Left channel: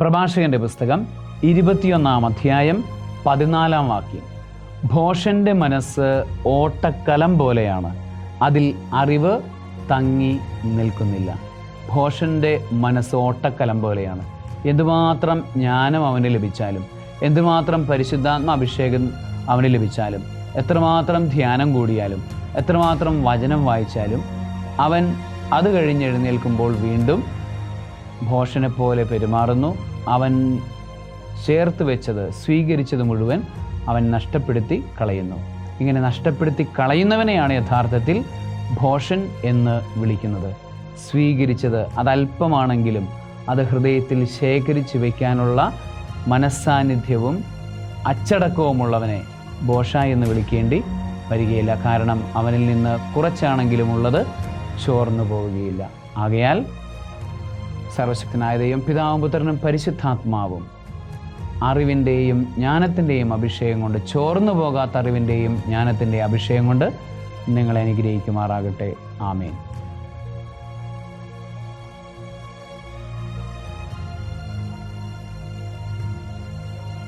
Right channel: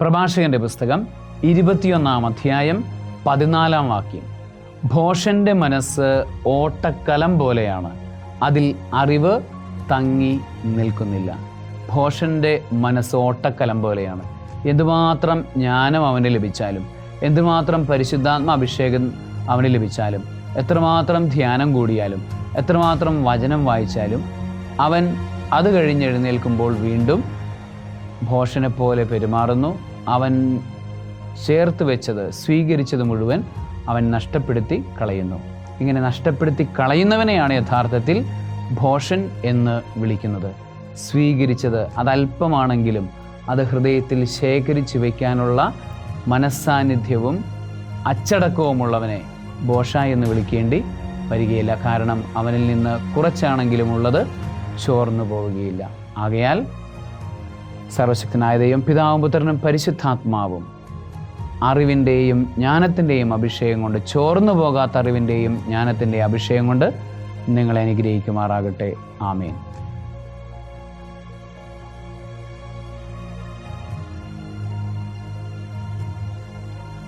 പ്രഭാഷകന്റെ പുസ്തകം ഇരുപത്തിയൊന്നാം അധ്യായം പതിനാലാം വാക്യം. ഭോഷന്റെ മനസ്സ് ഓട്ടക്കലം പോലെയാണ്. അതിൽ അറിവ് തങ്ങി നിൽക്കുന്നില്ല. ഭോഷന്റെ മനസ്സ് ഓട്ടക്കലം പോലെയാണ്. എന്തുമാത്രം ജ്ഞാനം അവന് ലഭിച്ചാലും എന്തുമാത്രം പരിശുദ്ധാത്മ അഭിഷേകം അവന് ലഭിച്ചാലും എത്രമാത്രം ധ്യാനം കൂടിയാലും എത്രമാത്രം വചനം വായിച്ചാലും അവൻ അത് കഴിഞ്ഞ് എഴുന്നേൽക്കുമ്പോൾ വീണ്ടും ഭോഷനെ പോലെ പെരുമാറുന്നു. അവൻ ചേർത്ത് വെച്ചത് സ്വീകരിച്ചത് മുഴുവൻ അവൻ നഷ്ടപ്പെടുത്തി കളയുന്നു. ഇങ്ങനെ നഷ്ടപ്പെടുത്തി കളയുന്നവനെയാണ് യഥാർത്ഥത്തിൽ ഭോഷൻ എന്ന് വിളിക്കുന്നത്. സ്വീകരിച്ചത് അതല്പമാണെങ്കിലും അത് ഹൃദയത്തിൽ ശേഖരിച്ചു വയ്ക്കാനുള്ള മനസ്സാന്നിധ്യവും അച്ചടക്കവുമുള്ളവനെ ഭോഷ എന്ന് വിളിക്കേണ്ടി വരികയില്ല. കാരണം അവനിൽ നിന്ന് കുറച്ചാണെങ്കിലും ഉള്ളത് ചോർന്നു പോവുകയില്ല. ആകയാൽ സർവശക്തനായ ദൈവം പിതാവും പുത്രനും പരിശുദ്ധാത്മാവും. അറിവിന്റെയും ജ്ഞാനത്തിന്റെയും അഭിഷേകം കൊണ്ട് ചോർന്നു പോകാത്ത അറിവിന്റെയും ജ്ഞാനത്തിന്റെയും അഭിഷേകം കൊണ്ട് നിങ്ങളെ അനുഗ്രഹിക്കുമാറാകട്ടെ. ആമേൻ.